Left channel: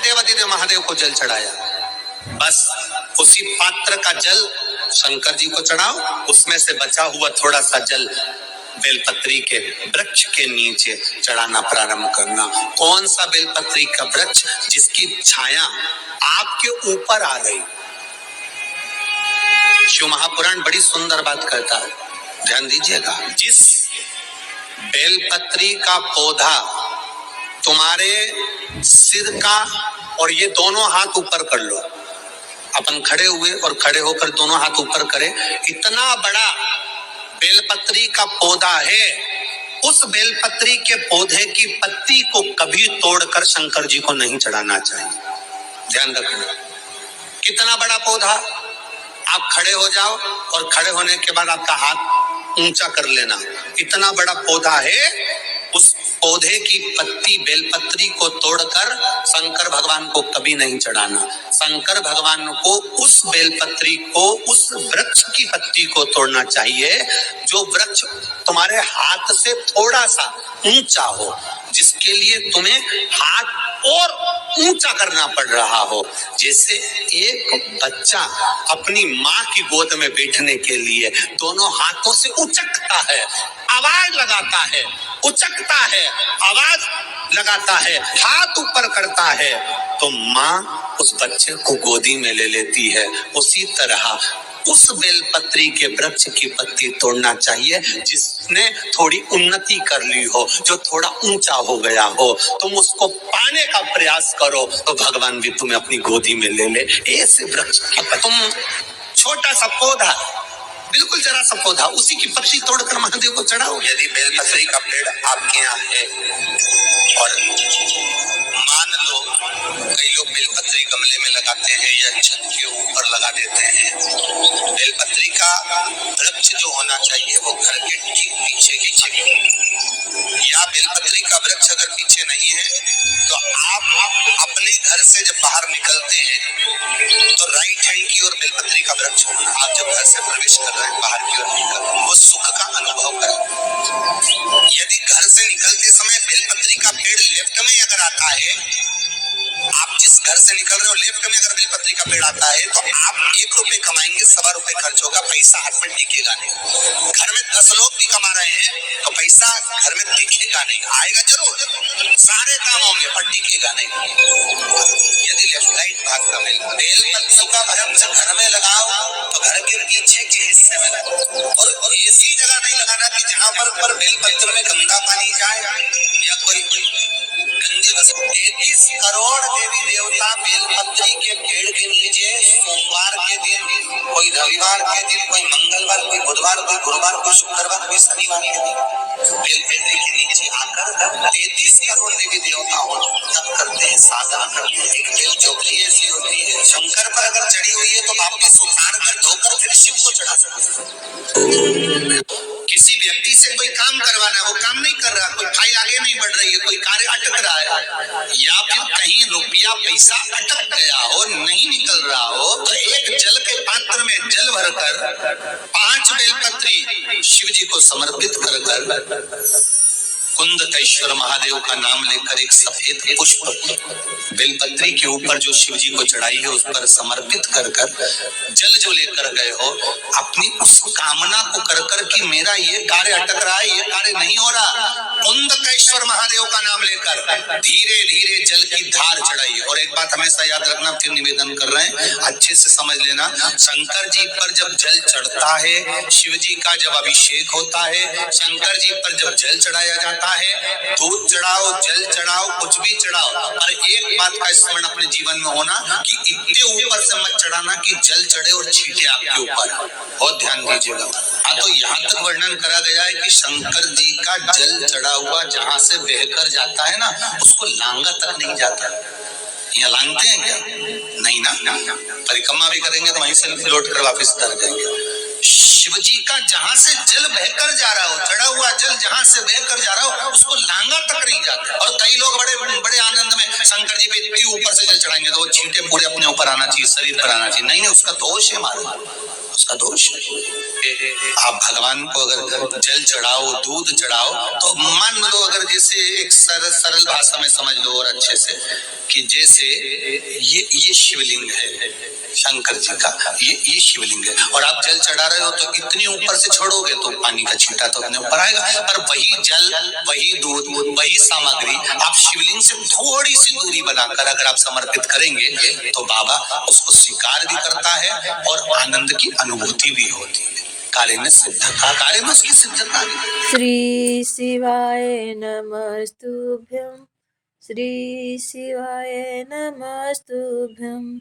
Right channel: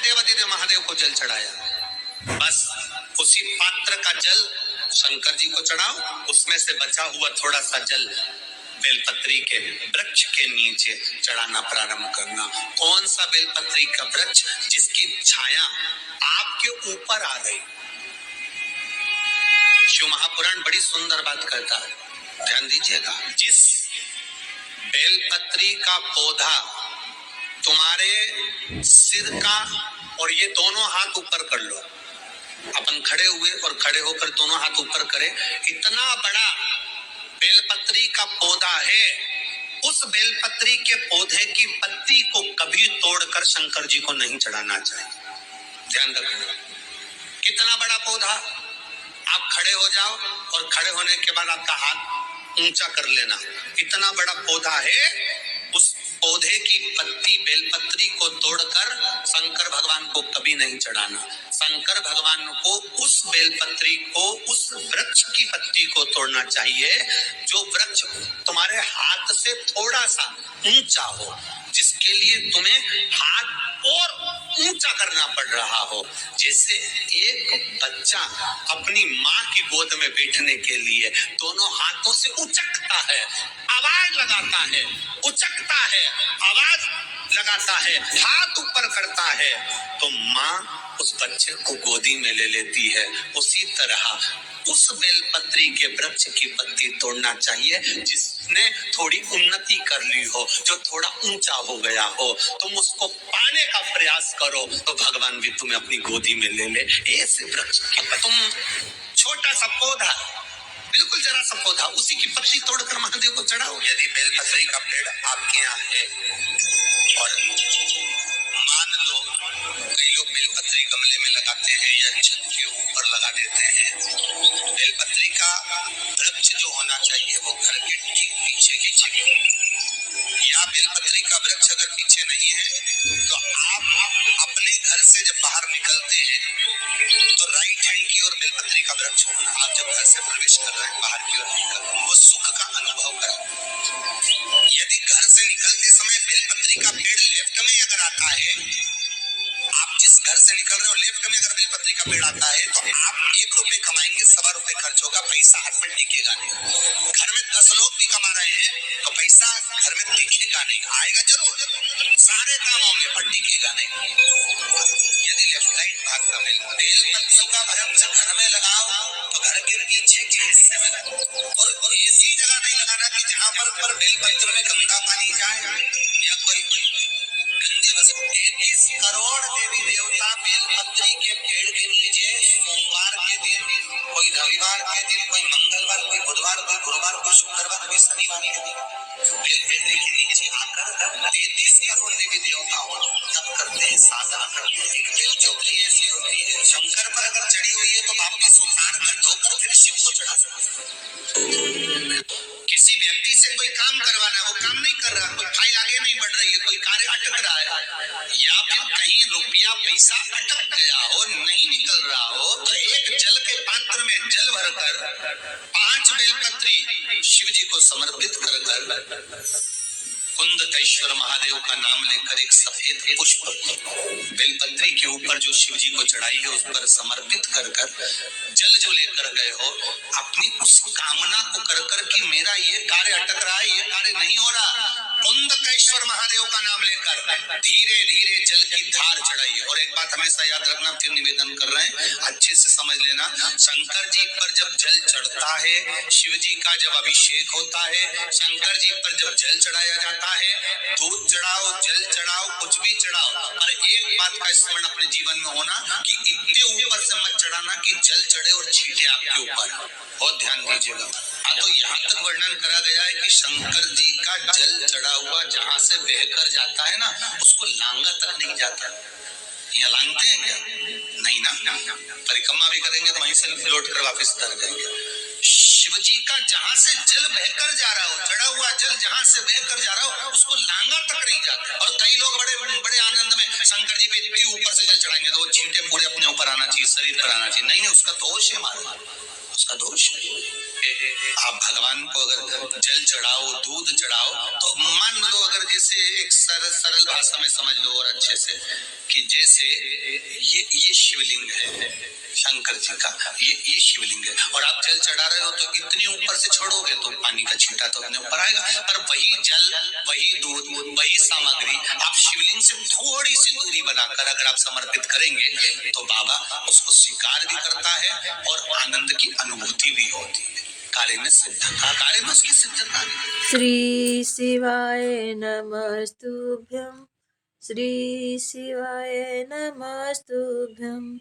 देवादिदेव महादेव को जल चढ़ाया, बस उसी पात्र का जल शंकर जी को चढ़ाओ, उसमें से बचा हुआ थोड़ा सा जल बेलपत्री के वृक्ष के नीचे चढ़ाना प्रारंभ करना। कौन सा बेलपत्री का वृक्ष? जिसकी छाया आपके ऊपर आ गई। शिव महापुराण बड़ी सुंदर बात कहता है, ध्यान दीजिएगा। जिस बेलपत्री का पौधा तुम्हारे सिर का, और ये दोनों हाथ ऊपर कर लो, अपन खड़े हुए और खड़े होकर दोनों हाथ ऊपर करें, इतना बड़ा बेलपत्री का पौधा है, उस बेलपत्री के पौधे की पत्ती को कभी तोड़कर शंकर जी को नहीं चढ़ाना चाहिए। ध्यान रखना, कितना बड़ा पौधा। आप खड़े हो जाओ और खड़े होने के बाद आपका हाथ ऊंचा कर लेना, इतना बड़ा पौधा है, उस पौधे की पत्ती बेलपत्री को तोड़कर शंकर भगवान को कभी नहीं चढ़ाना। शंकर भगवान को उस बेलपत्री को, उस वृक्ष की पत्ती को तोड़ना चाहिए जो वृक्ष तुम्हारे हाथ से थोड़ा सा ऊंचा हो, जिसके लिए तुम्हें हाथ और ऊंचा करना पड़ रहा हो। जैसे एक बच्चा अपनी माँ की गोद में बैठने के लिए दोनों हाथों से उचकता है, आवाज लगाता है, उचकता है, आवाज लगाता है, हाथ ऊपर करता है, तो माँ उस बच्चे को गोदी में ले लेती है। उसी तरह उस बेलपत्री के वृक्ष की पत्ती तोड़ना चाहिए जिसने थोड़ी उन्नति कर ली हो, जो थोड़ा ऊंचा हो गया हो। तुम उसको पाने का प्रयास करो तो भगवान भी तुम्हें अपनी गोदी में ले ले। ऐसे वृक्ष की तुम छोटा सा पौधा, बिल्कुल जरा सा पौधा, उसी की पत्ती तोड़कर महादेव को चढ़ाओ। यदि बेलपत्री का पेड़ आपके यहाँ है और मान लो कई लोग बेलपत्री गमले में लगाते हैं या छत के ऊपर लगा देते हैं, बेलपत्री का वृक्ष जो होना चाहिए वो घर के ठीक पीछे ही चाहिए, या बेलपत्री का वृक्ष अगर पीछे नहीं है तो आप अपने घर से जब बाहर निकलते हैं तो राइट हैंड की ओर बेलपत्री का वृक्ष होना। आप जब घर से प्रवेश कर रहे हैं, बाहर की ओर निकल रहे हैं, वो सुख का अनुभव करें। यदि घर से निकलते समय बेलपत्री का पेड़ लेफ्ट में अगर आता है, आप जिस घर से निकल रहे हो लेफ्ट में अगर बेलपत्री का पेड़ आता है तो आप 1 रुपए कमाएंगे, 1.25 रुपए खर्च होगा, पैसा हाथ में टिकेगा नहीं। घर में 10 लोग भी कमा रहे हैं तो पैसा घर में टिकेगा नहीं, आएगा जरूर, सारे काम होंगे पर टिकेगा नहीं। यदि लेफ्ट राइट भाग का बेलपत्री का वृक्ष घर में लगाओ तो घर के पीछे के हिस्से में लगाओ, और ऐसी जगह नहीं लगाना कि जहाँ पर बेलपत्र में गंदा पानी जाए या कोई गंदी वस्तु। 33 करोड़ देवी देवता बेलपत्री के पेड़ के नीचे सोमवार के दिन, कोई रविवार के दिन, कोई मंगलवार, कोई बुधवार, कोई गुरुवार, कोई शुक्रवार, कोई शनिवार के दिन बेलपत्री के नीचे आकर 33 करोड़ देवी देवता तप करते हैं, साधना करते हैं। एक बेल चौकी ऐसी होती है, शंकर पर अगर चढ़ी हुई है तो वापस उतार कर धोकर फिर शिव को चढ़ा सकते। किसी व्यक्ति से कोई काम करवाना, वो काम नहीं कर रहा, कोई फाइल आगे नहीं बढ़ रही है, कोई कार्य अटक रहा है, या फिर कहीं रुपया पैसा अटक गया हो, नहीं निकल रहा हो, तो एक जल के पात्र में जल भरकर 5 बेलपत्री शिव जी को समर्पित कर कुंदकेश्वर महादेव का नाम लेकर एक सफेद पुष्प बेलपत्री के ऊपर जो शिव जी को चढ़ाई है उस पर समर्पित कर जल जो लेकर गए हो, अपनी उस कामना को कर कि मेरा ये कार्य अटक रहा है, ये कार्य नहीं हो रहा, कुंदकेश्वर महादेव का नाम लेकर धीरे धीरे जल की धार चढ़ाई। और एक बात हमेशा याद रखना, फिर निवेदन कर रहे हैं, अच्छे से समझ लेना, शंकर जी पर जब जल चढ़ता है, शिव जी का जब अभिषेक होता है, शंकर जी पर जब जल चढ़ाया जाता है, दूध चढ़ाओ, जल चढ़ाओ, कुछ भी चढ़ाओ, और एक बात का स्मरण अपने जीवन में होना कि इतने ऊपर से मत चढ़ाना कि जल चढ़े और छींटे आपके ऊपर। बहुत ध्यान दीजिएगा। हाँ, तो यहाँ तक वर्णन करा गया है कि शंकर जी का जल चढ़ा हुआ जहाँ से बहकर जाता है ना, उसको लांगा तक नहीं जाता। यहाँ लांगते हैं क्या? नहीं ना, परिक्रमा भी करेंगे तो वहीं से लौट कर वापिस उतर जाएंगे। शिव जी का जहां से जल बहकर जा रहा हो, चढ़ा हुआ जल जहां से बहकर जा रहा हो, उसको लांगा तक नहीं जाता। और कई लोग बड़े बड़े आनंद में शंकर जी पे इतनी ऊपर से जल चढ़ाएंगे तो वो छींटे पूरे अपने ऊपर आना चाहिए। चाहिए, शरीर पर आना चाहिए। नहीं, उसका दोष है महाराज, उसका दोष है। आप भगवान को अगर जल चढ़ाओ, दूध चढ़ाओ, तो मान लो अगर जैसे एक सरल भाषा में समझ लो और अच्छे से, कि जैसे ये शिवलिंग है शंकर जी का, ये शिवलिंग है, और आप जल चढ़ा रहे हो तो इतनी ऊपर से छोड़ोगे तो पानी का छींटा तो अपने ऊपर आएगा, पर वही जल, वही दूध, वही सामग्री आप शिवलिंग से थोड़ी सी दूरी बनाकर अगर आप समर्पित करेंगे तो बाबा उसको स्वीकार भी करता है और आनंद की अनुभूति भी होती है। कार्य में सिद्धता, कार्य में उसकी सिद्धता। श्री शिवाय नमस्तुभ्यं, श्री शिवाय नमस्तुभ्यं,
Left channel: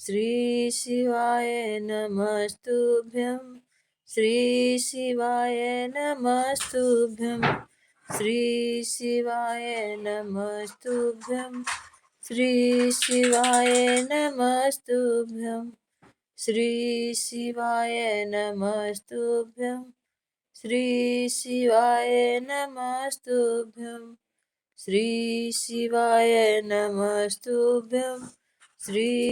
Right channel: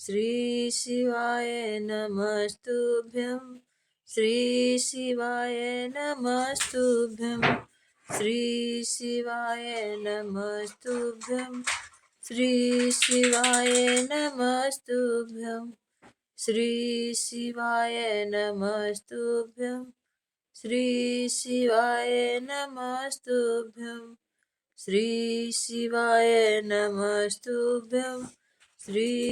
श्री शिवाय नमस्तुभ्यं, श्री शिवाय नमस्तुभ्यं, श्री शिवाय नमस्तुभ्यं, श्री शिवाय नमस्तुभ्यं, श्री शिवाय नमस्तुभ्यं, श्री शिवाय नमस्तुभ्यं, श्री शिवाय नमस्तुभ्यं, श्री